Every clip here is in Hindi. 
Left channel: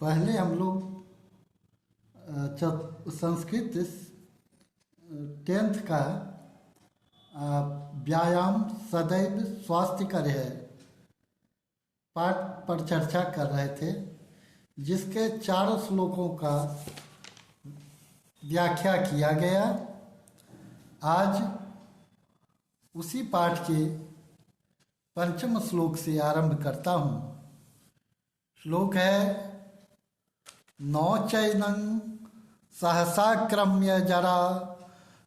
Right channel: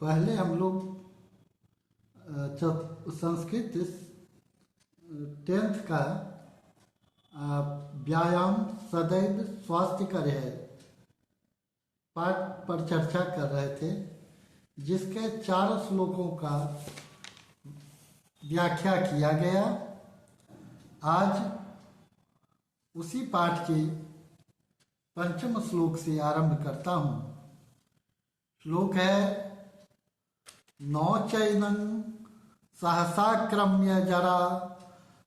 पहले हम लोग संस्कृत 10th का व्यायाम सदैव स्वास्थ्य कर है पाठ पर चर्चा कर रहे थे, जिसके 4 श्लोकों का व्याख्या किया गया। आज उसी पाठ के 5वें श्लोक से आरंभ करता हूँ। श्लोक है, नौ चैनं सहसाक्रम्य जरा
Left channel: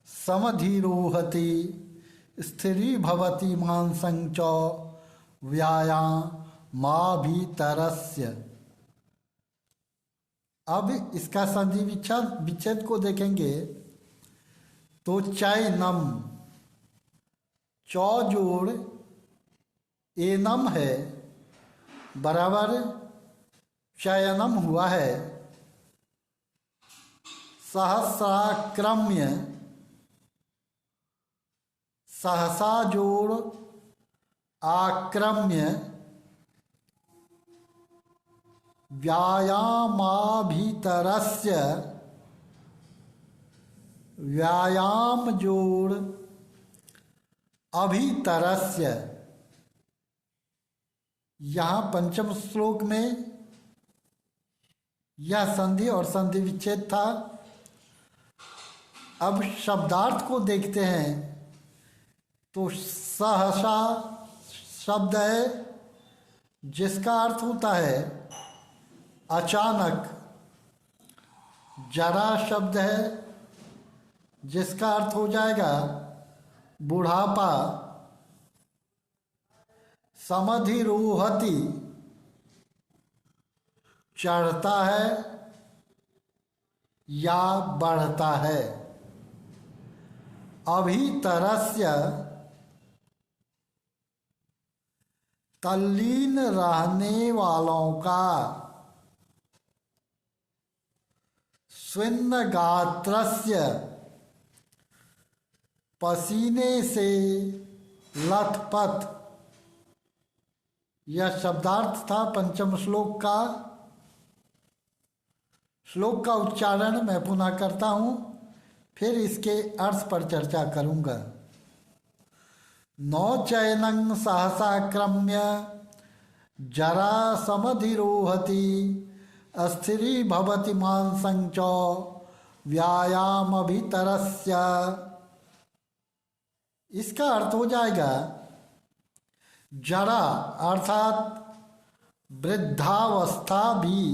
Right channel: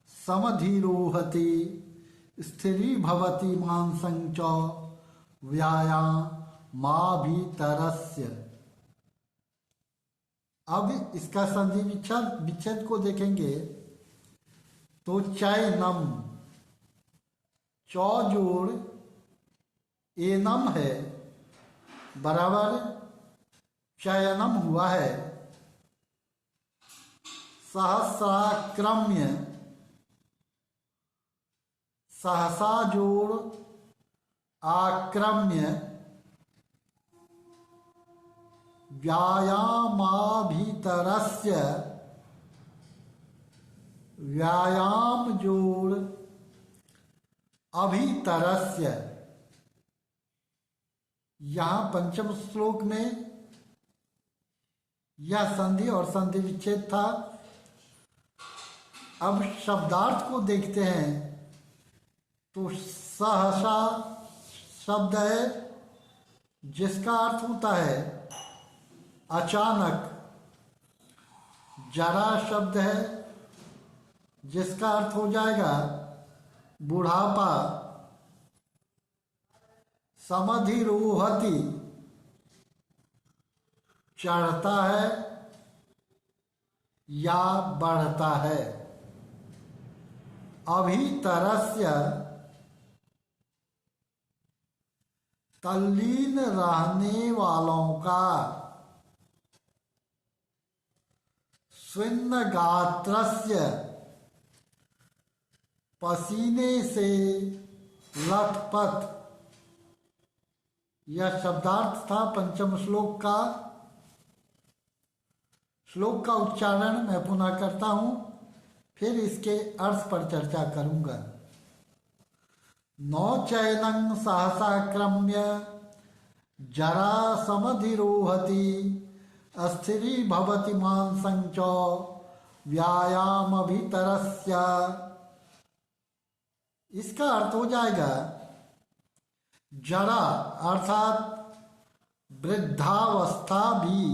समधिरोहति स्थिरी भवति मांसं च व्यायामाभितरस्य। अब इसका संधि विच्छेद को देखेंगे तो चैनम चौ जोड़ एनम है बराबर चयनम हुआ है। सहस्राक्रम्य सहसा जोड़ आक्रम्य व्यायामाभितरस्य व्यायाम जोड़ अभितरस्य। यहाँ 5वें श्लोक में यह संधि और संधि विच्छेद था। अब शब्दार्थ को देखते हैं तो सहसा शब्द है जिसका अर्थ होता है अचानक। जरा शब्द है जिसका अर्थ हो जाएगा बुढ़ापा। समधिरोहति चढ़ता है या बढ़ता है। अभितरस्य तल्लीन रहने वालों का। स्विन्न गात्रस्य पसीने से लथपथ। यह शब्दार्थ था 5वें श्लोक का। श्लोक का उच्चारण मैं पुनः करता हूँ, फिर इसके अर्थ पर चर्चा करूँगा। नौ चैनं सहसाक्रम्य जरा समधिरोहति अस्थिरी भवति मांसं च व्यायामाभितरस्य। इसका अर्थ हो जाएगा जरा अर्थात वृद्धावस्था भी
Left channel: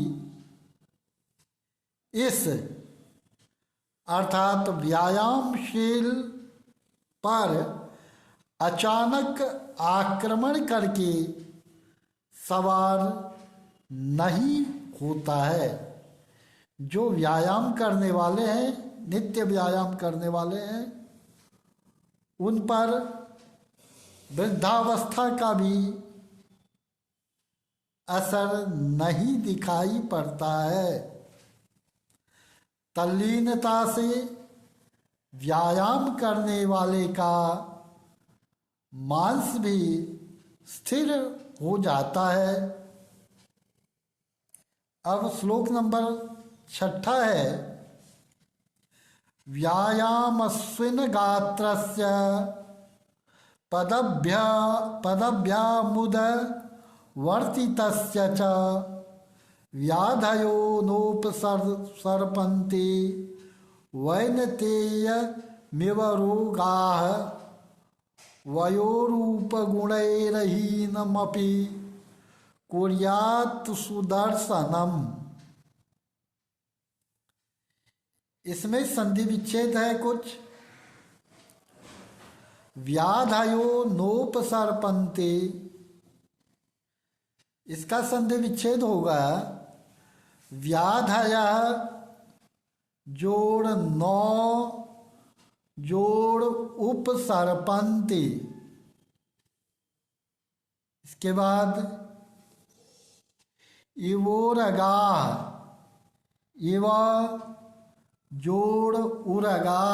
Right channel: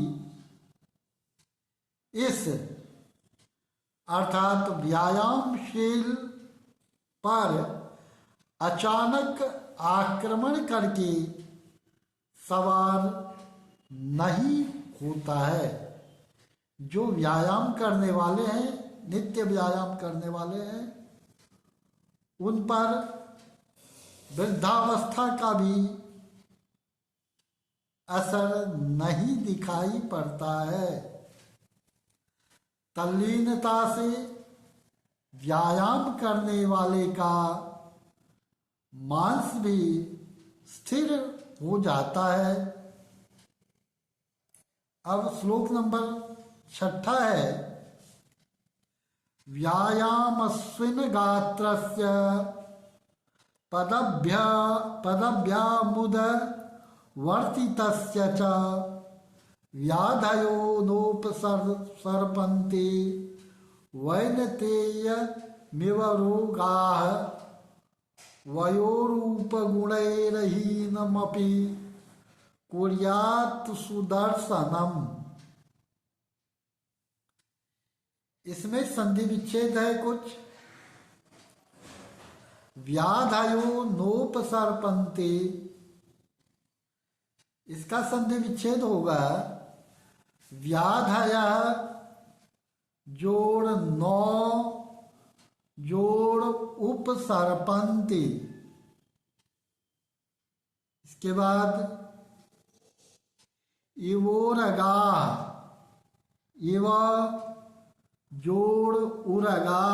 इस अर्थात व्यायामशील पर अचानक आक्रमण करके सवार नहीं होता है। जो व्यायाम करने वाले हैं, नित्य व्यायाम करने वाले हैं, उन पर वृद्धावस्था का भी असर नहीं दिखाई पड़ता है। तल्लीनता से व्यायाम करने वाले का मांस भी स्थिर हो जाता है। अब श्लोक नंबर 6 है, व्यायामस्विन गात्रस्य पदभ्यामुद वर्तितस्य च व्याधयो नोपसर्पन्ति वैनतेयमिव रोगाः वयोरूपगुणैर्हीनमपि कुर्यात् सुदर्शनम। इसमें संधि विच्छेद है कुछ। व्याधयो नोपसर्पन्ति, इसका संधि विच्छेद होगा व्याधय जोड़ नौ जोड़ उपसर्पन्ति। इसके बाद इवोरगा इव जोड़ उरगा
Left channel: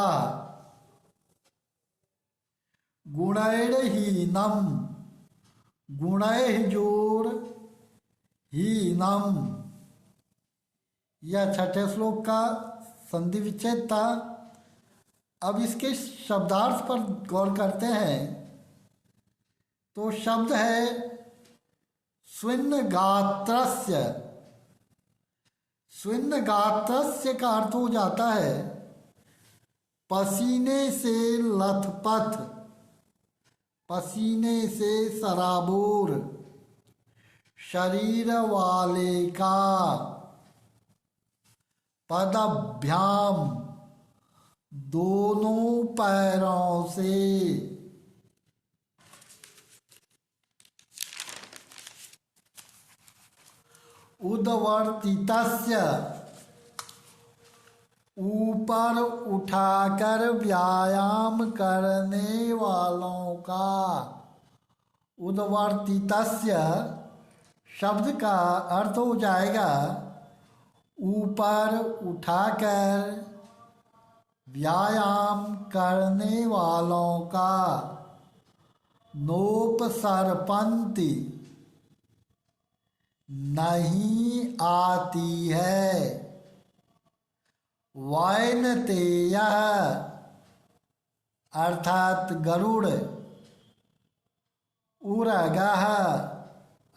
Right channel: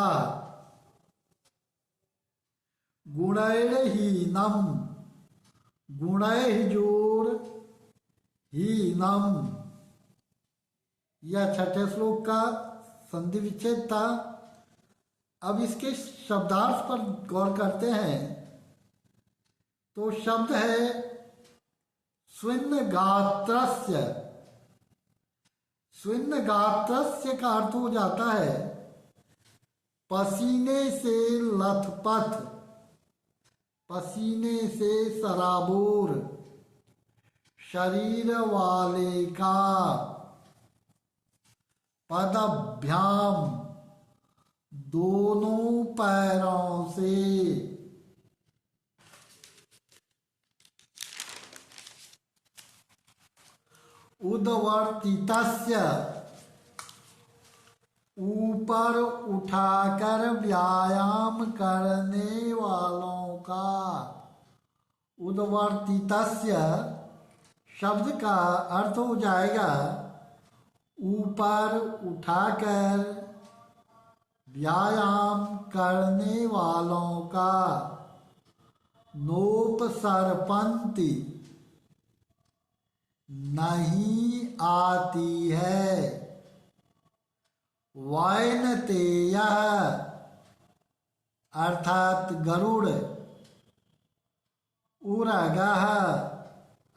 गुणैर्हीनम गुणैः जोड़ हीनम। यह छठे श्लोक का संधि विच्छेद था। अब इसके शब्दार्थ पर गौर करते हैं तो शब्द है स्विन्न गात्रस्य। स्विन्न गात्रस्य का अर्थ हो जाता है पसीने से लथपथ, पसीने से सराबोर शरीर वाले का। पदभ्याम दोनों पैरों से। उद्वर्तितस्य ऊपर उठाकर व्यायाम करने वालों का। उद्वर्तितस्य शब्द का अर्थ हो जाएगा ऊपर उठाकर व्यायाम करने वालों का। नोपसर्पन्ति नहीं आती है। वैनतेयः अर्थात गरुड़। उरगः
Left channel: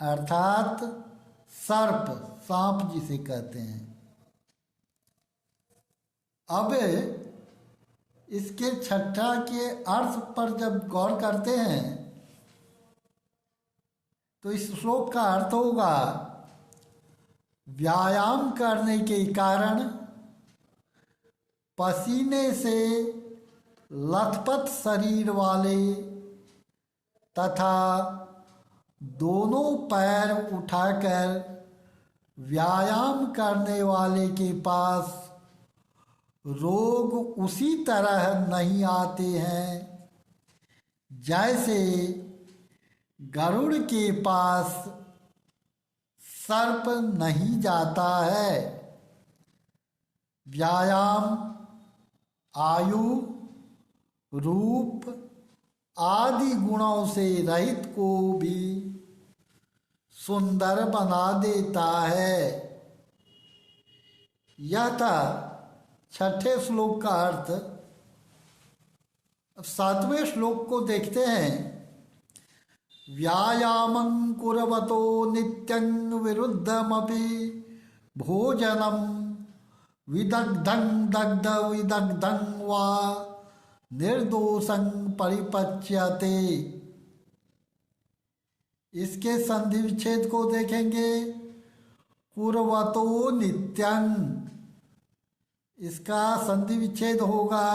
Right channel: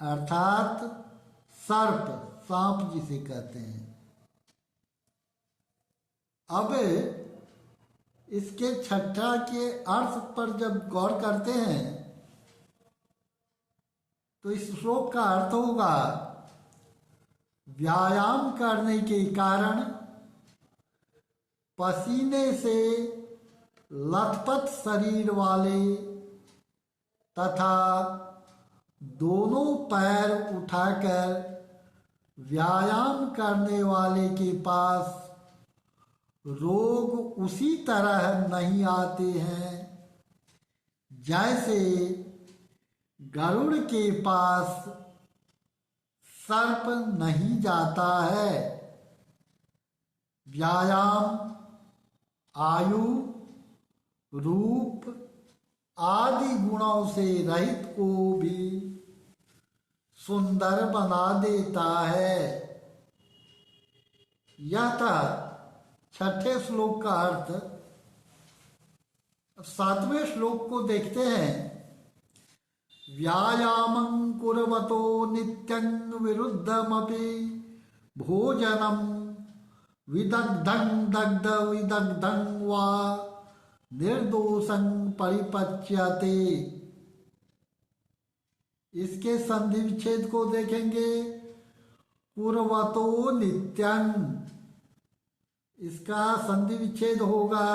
अर्थात सर्प, सांप जिसे कहते हैं। अब इसके छठा के अर्थ पर जब गौर करते हैं तो इस श्लोक का अर्थ होगा व्यायाम करने के कारण पसीने से लथपथ शरीर वाले तथा दोनों पैर उठाकर व्यायाम करने वाले के पास रोग उसी तरह नहीं आते हैं जैसे गरुड़ के पास सर्प नहीं जाता है। व्यायाम आयु, रूप आदि गुणों से रहित को भी सुंदर बना देता है। यह था छठे श्लोक का अर्थ। सातवें श्लोक को देखते हैं। व्यायामं कुर्वतो नित्यं विरुद्धमपि भोजनं विदग्धं दग्ध विदग्धं वा निर्दोषं परिपच्यते। इसके संधि विच्छेद को देखेंगे। कुर्वतो नित्यं, इसका संधि विच्छेद होगा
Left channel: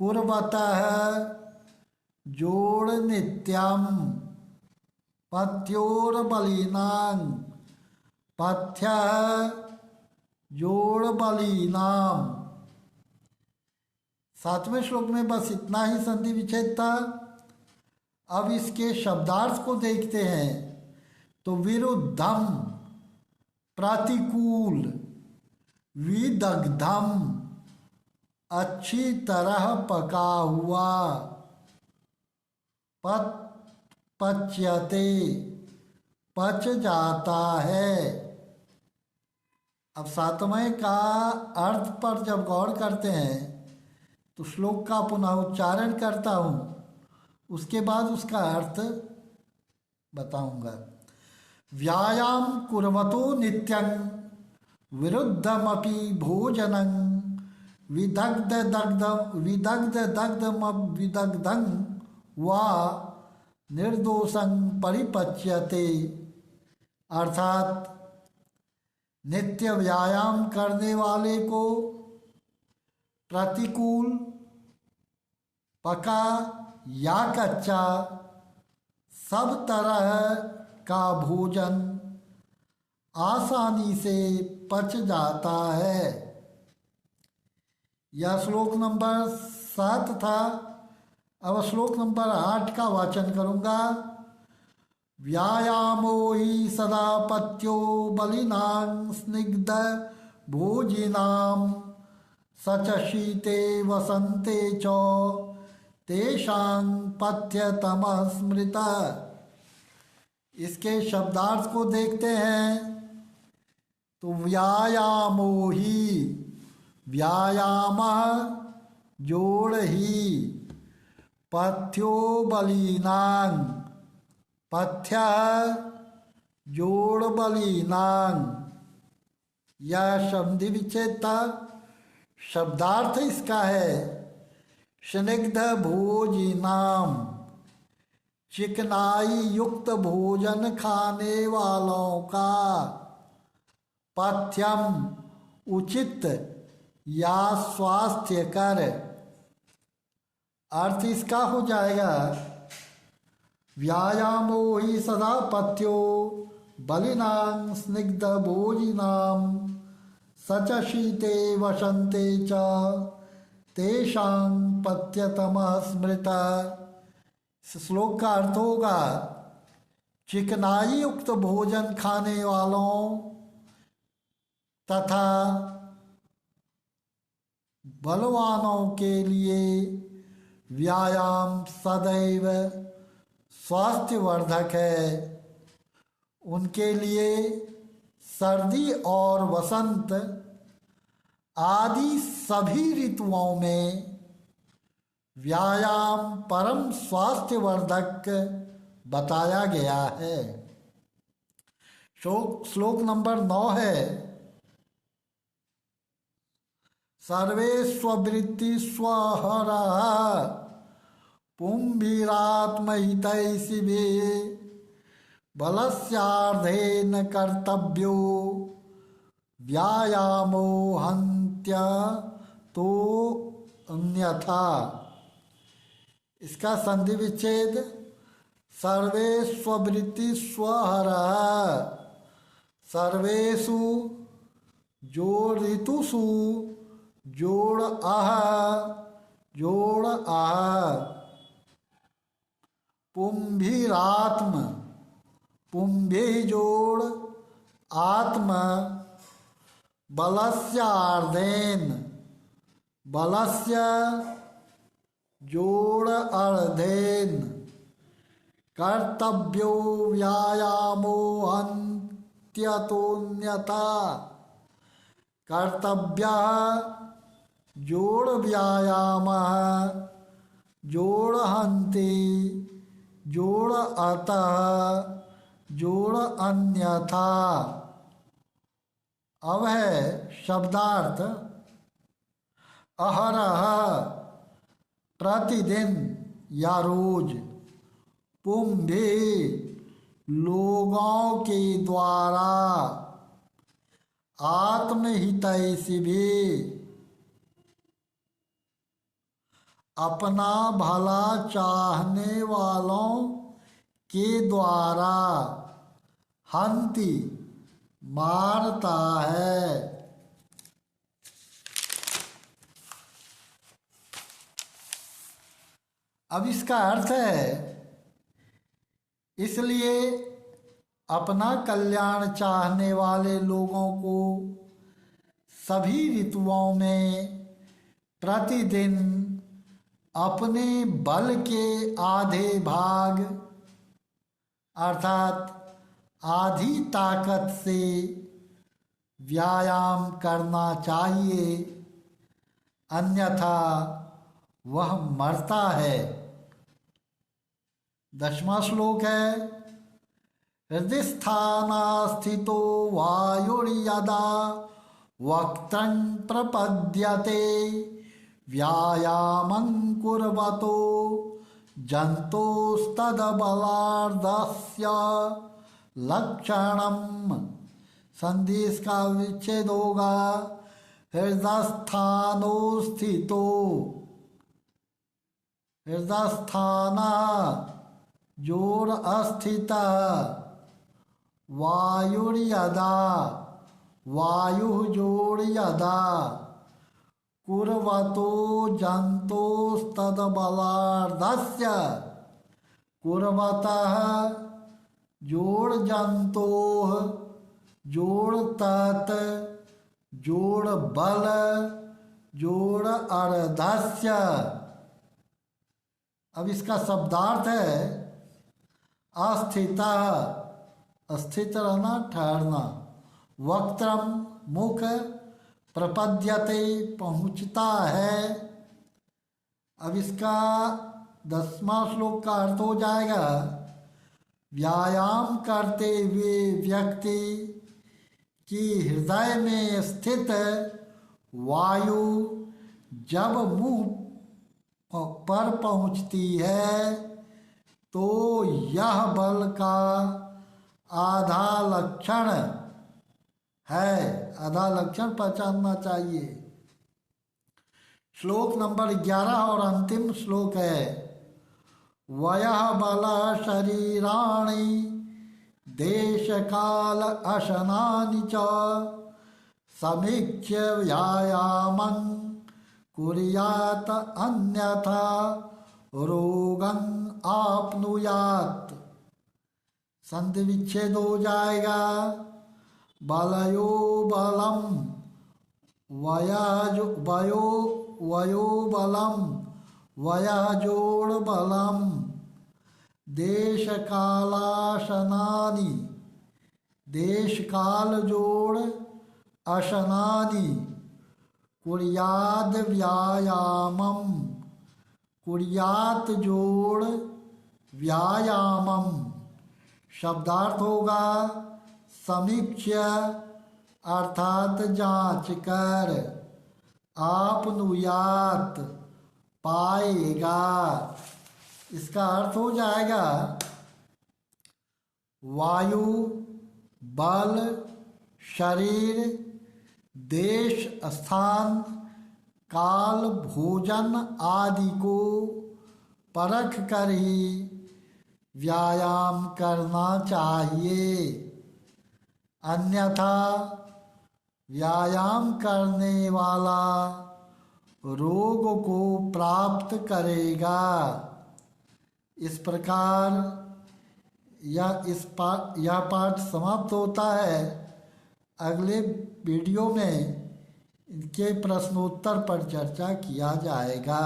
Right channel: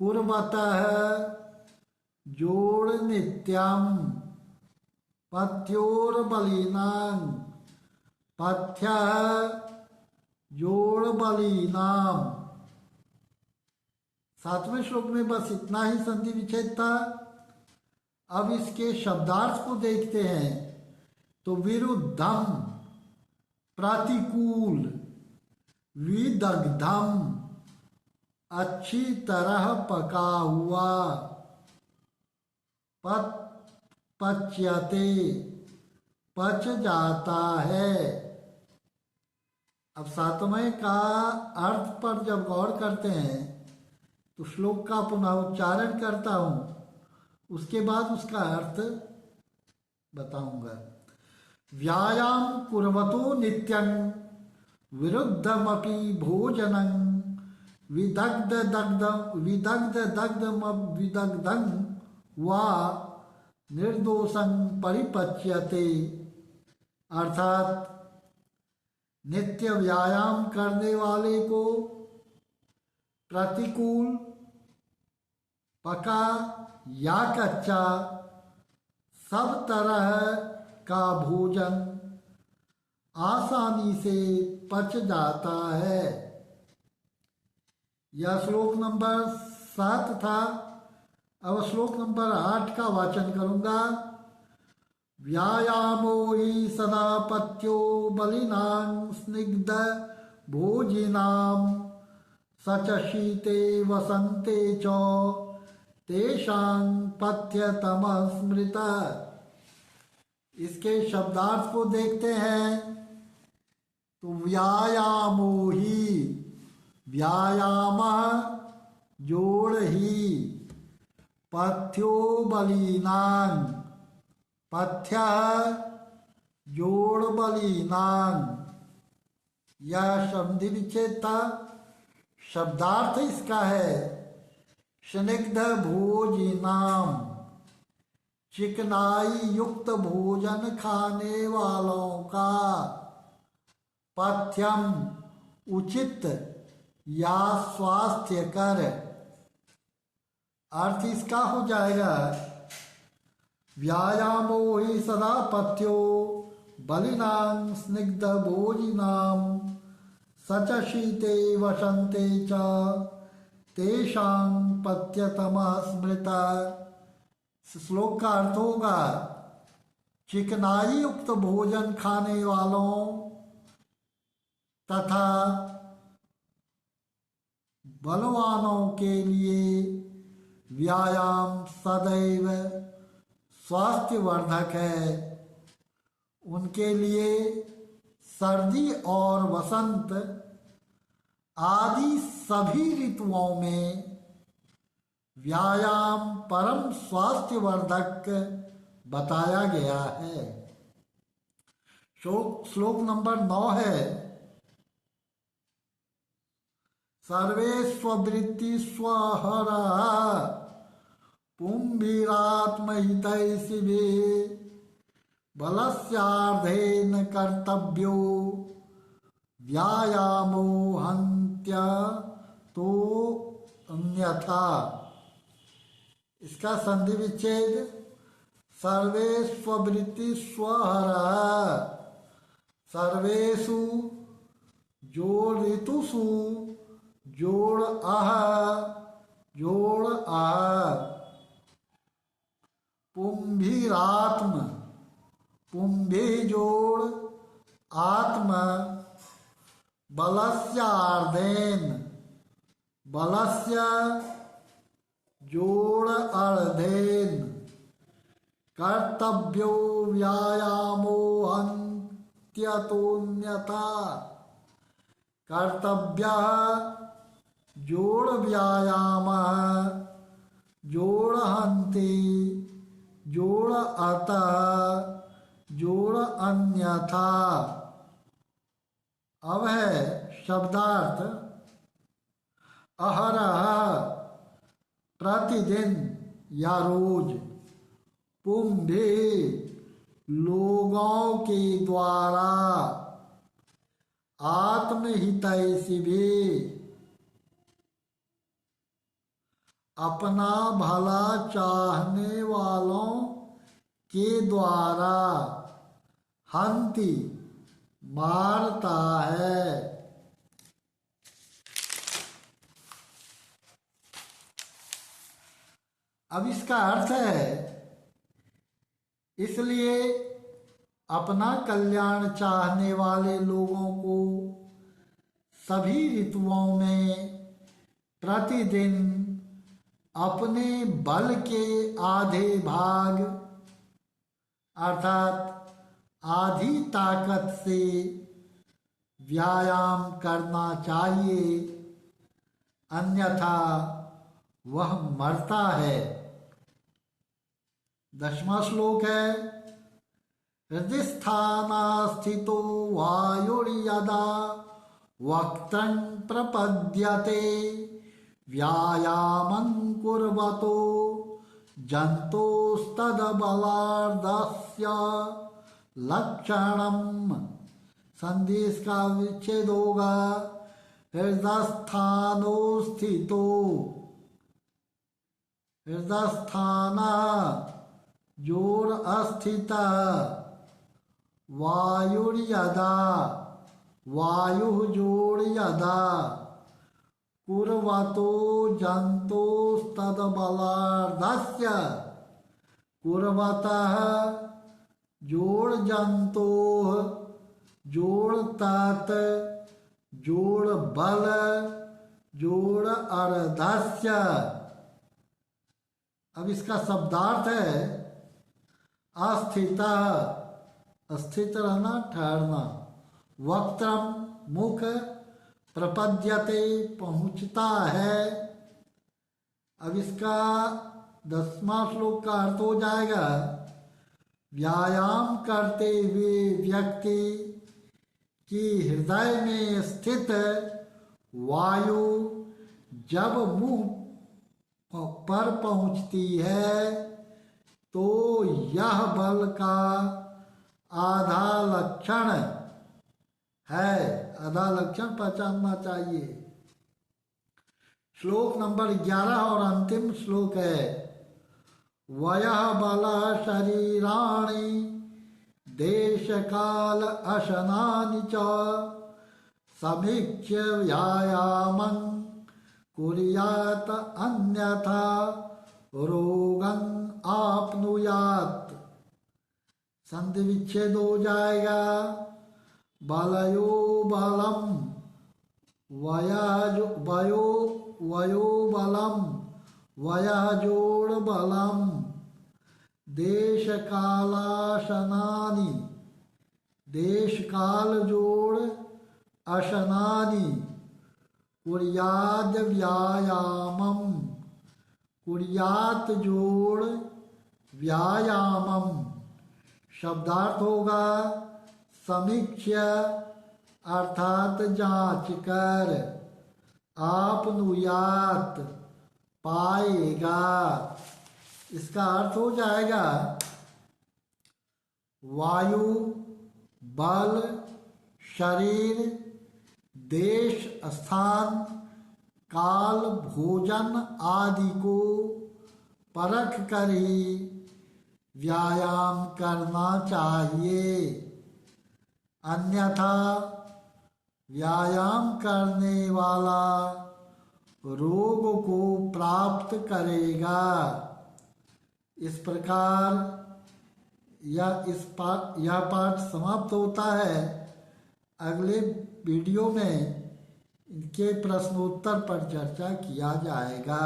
कुर्वतः जोड़ नित्यम, पथ्योर बलिनां, पथ्य जोड़ बलिनाम। सातवें श्लोक में बस इतना ही संधि विच्छेद था। अब इसके शब्दार्थ को देखते हैं तो विरुद्धम प्रतिकूल, विदग्धम अच्छी तरह पका हुआ, पच्यते पच जाता है। अब सातवें का अर्थ पर जब गौर करते हैं तो श्लोक का पुनः उच्चारण करता हूँ, उसके बाद उसका अर्थ बताऊंगा। व्यायाम कुर्वतो नित्यं विरुद्धमपि भोजनं विदग्धं वा निर्दोषं परिपच्यते। अर्थात नित्य व्यायाम करने वाले को प्रतिकूल, पका या कच्चा सब तरह का भोजन आसानी से पच जाता है। यह श्लोक नंबर 7 था। अब श्लोक नंबर 8 का वाचन करूंगा। व्यायामो हि सदा पत्यो बलिनां स्निग्ध भोजिनां सच शीते वसन्ते च तेषां पथ्यतमः स्मृता। इसके शब्दार्थ को देखते हैं तो व्यायामो ही, व्यायाम जोड़ ही, पथ्यो बलिनां, पथ्य जोड़ बलिनां। यह संधि विच्छेद था। शब्दार्थ इसका है स्निग्ध भोजिनाम, चिकनाई युक्त भोजन खाने वालों का। पथ्यम उचित या स्वास्थ्यकर। अर्थ इसका हो जाएगा व्यायामो ही सदा पथ्यो बलिनां स्निग्ध भोजिनां सच शीते वसन्ते च तेषां पथ्यतमः स्मृता। इस श्लोक का अर्थ होगा चिकनाई युक्त भोजन खाने वालों तथा बलवानों के लिए व्यायाम सदैव स्वास्थ्यवर्धक है। उनके लिए सर्दी और वसंत आदि सभी ऋतुओं में व्यायाम परम स्वास्थ्यवर्धक बताया गया है। श्लोक नंबर 9 है सर्वे स्ववृत्ति स्वहरा पुंभिरात्महितैषिभे बलस्यार्धेन कर्तव्यो व्यायामो हन्त्य तो अन्यथा। इसका संधि विच्छेद सर्वे स्ववृत्ति स्वहरा, सर्वेषु जोड़ ऋतुषु जोड़ जोड़ पुंभिरात्म, पुंभि जोड़ आत्म, बलस्य अर्धेन, बलस्य जोड़ अर्धेन, कर्तव्यो व्यायामो हन्त्यतोऽन्यथा। कर्तव्य जोड़ व्यायाम, जोड़ हन्ति, जोड़ अतः, जोड़ अन्यथा। अब है शब्दार्थ अहरह प्रतिदिन या रोज, पुंभि लोगों के द्वारा, आत्महितैषिभि अपना भला चाहने वालों के द्वारा, हन्ति मारता है। अब इसका अर्थ है इसलिए अपना कल्याण चाहने वाले लोगों को सभी ऋतुओं में प्रतिदिन अपने बल के आधे भाग अर्थात आधी ताकत से व्यायाम करना चाहिए, अन्यथा वह मरता है। 10वां श्लोक है हृदिस्थानास्थितो वायुर्यदा वक्त्रं प्रपद्यते व्यायामं कुर्वतो जन्तोस्तदबलार्धस्य लक्षणम्। संधि इसका विच्छेद होगा हृदस्थानो स्थितो, हृदस्थान जोड़ अस्थित, वायुर्यदा वायु जोड़ यदा, कुर्वतो जन्तोस्तदबलार्धस्य, कुर्वतः जोड़ जन्तोः जोड़ तत् जोड़ बल जोड़ अर्धस्य। अब इसका शब्दार्थ है अस्थित, स्थित रहना ठहरना, वक्त्रम मुख, प्रपद्यते पहुँचता है। अब इसका 10वां श्लोक का अर्थ हो जाएगा, व्यायाम करते हुए व्यक्ति की हृदय में स्थित वायु जब मुंह पर पहुंचती है तो यह बल का आधा लक्षण है। आधा लक्षण पहचानना चाहिए। श्लोक नंबर 11 और अंतिम श्लोक है, वयः बल शरीराणि देश काल अशनानि च समीक्ष्य व्यायामं कुर्यात् अन्यथा रोगं आपनुयात्। संधि विच्छेद हो जाएगा। बलयो बलम वयो बलम वयाजोड़ बलम देश कालाशनानि, देश काल जोड़ अशनानि कुर्याद व्यायामम, कुर्यात जोड़ व्यायामम। शब्दार्थ होगा समीक्ष्य अर्थात जांच कर, आपनुयात पाएगा। इसका अर्थ हो जाएगा वायु, बल, शरीर, देश, स्थान, काल, भोजन आदि को परख कर ही व्यायाम करना चाहिए, अन्यथा व्यायाम करने वाला रोग को प्राप्त करेगा। इस प्रकार यह पाठ समाप्त होता है। अगले वीडियो में इनके प्रश्नोत्तर पर चर्चा किया जाएगा।